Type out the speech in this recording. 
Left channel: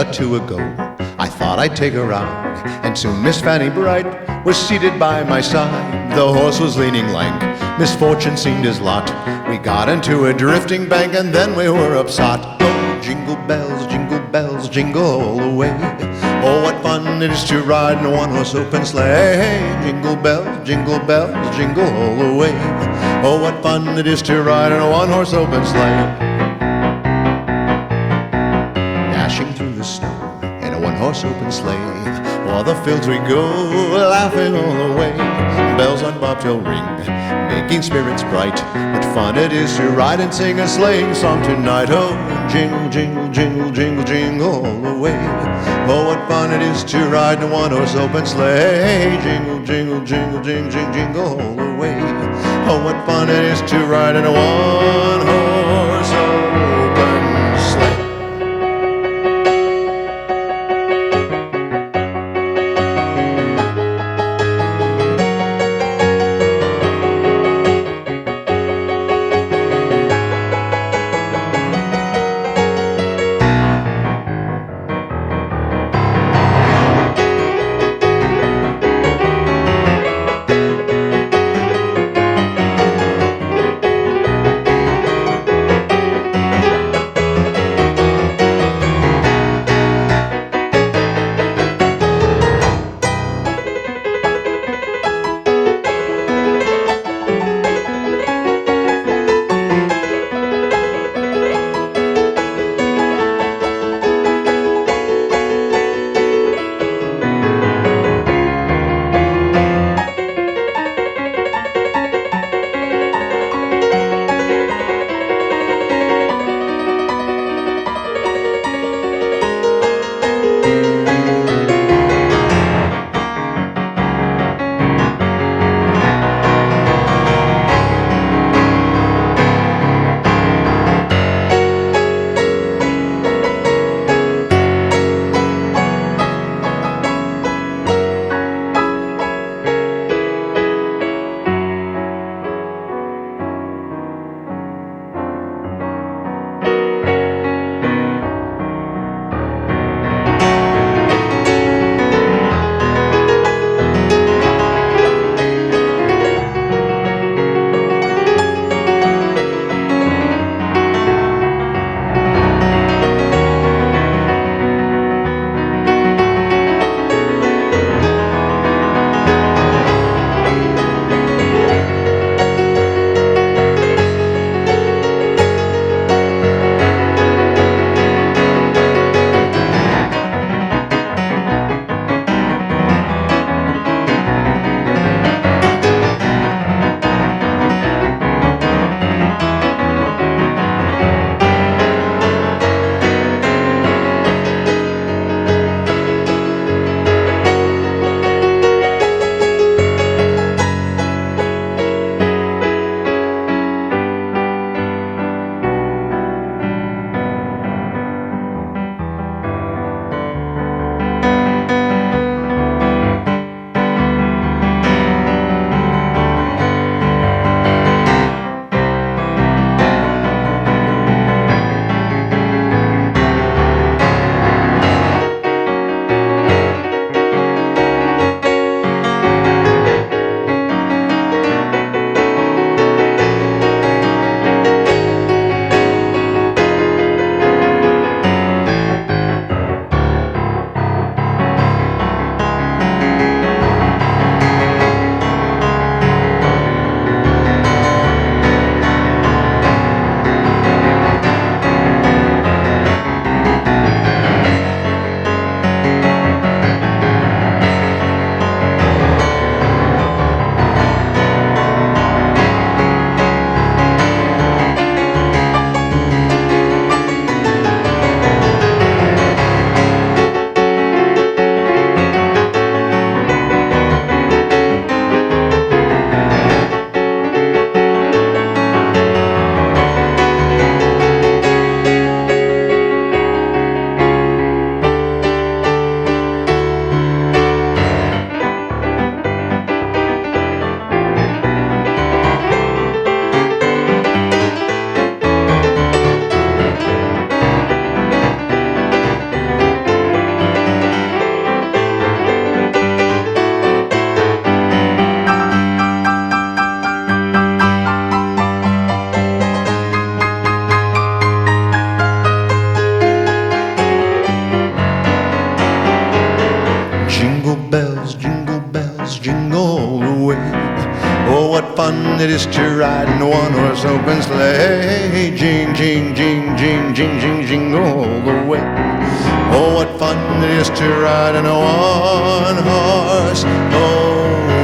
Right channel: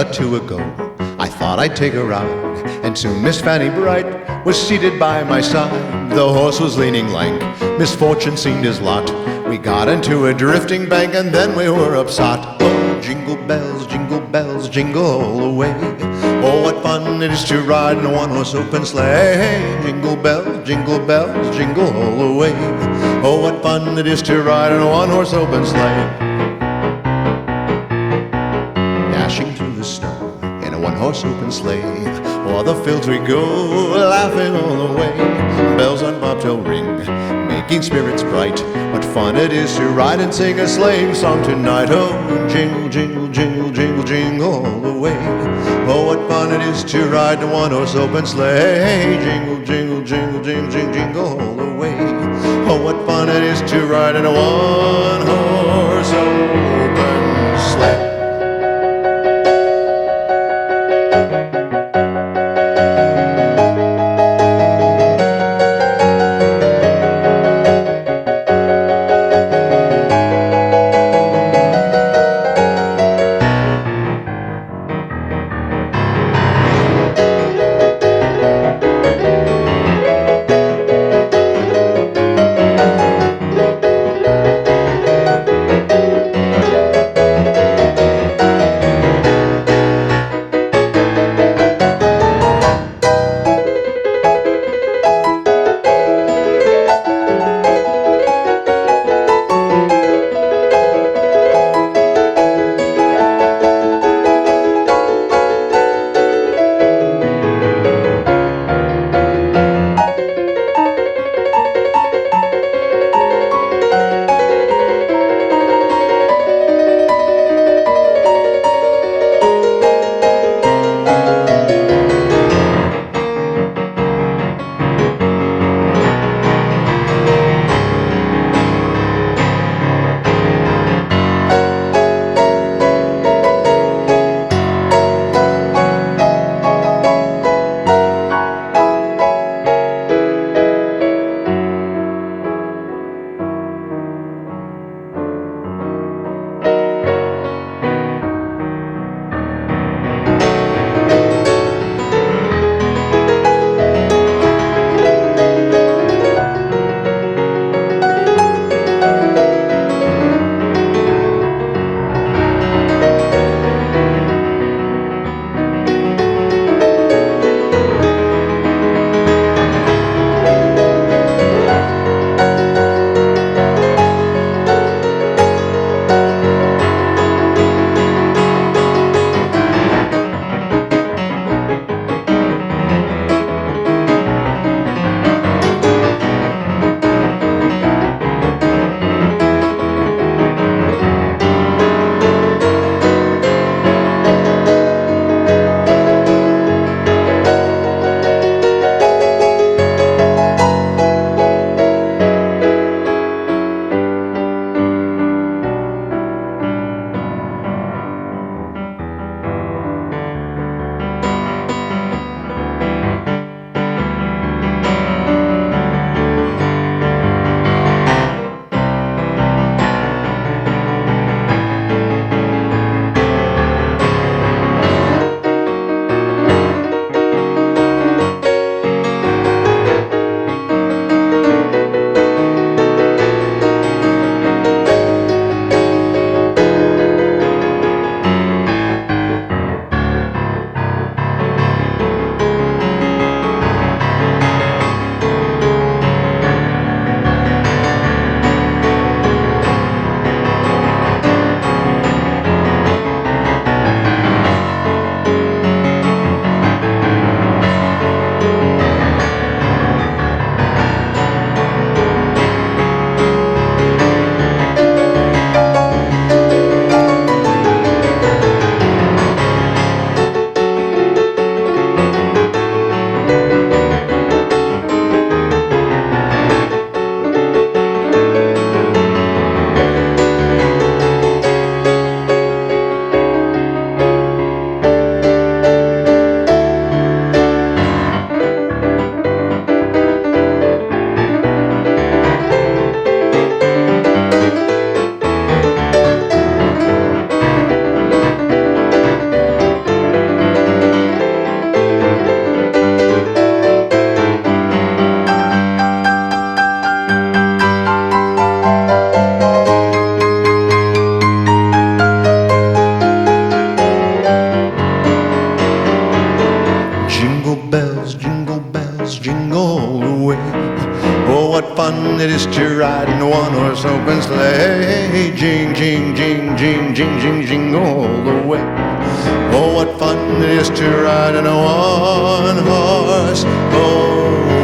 or two ago, I thought I'd take a ride, and soon Miss Fanny Bright was seated by my side. The horse was leaning lank, misfortune seemed his lot. We got into a drifting bank, and then we were upsot. Oh, jingle bells, jingle all the way. Oh, what fun it is to ride in a one-horse open sleigh. Jingle bells, jingle all the way. Oh, what fun it is to ride in a one-horse open sleigh. Dashing through the snow in a one-horse open sleigh, o'er the fields we go, laughing all the way. Bells on bobtail ring, making spirits bright. What fun it is to ride and sing a sleighing song tonight. Oh, jingle, jingle all the way. Oh, what fun it is to ride in a one-horse open sleigh. Jingle, jingle all the way. Oh, what fun it is to ride in a one-horse open sleigh. bells, jingle all the way. Oh, what fun it is to ride in a one-horse open sleigh. Jing, jing, jing, jing, jing, jing, jingle all the way. Oh, what fun it is to ride in a one-horse open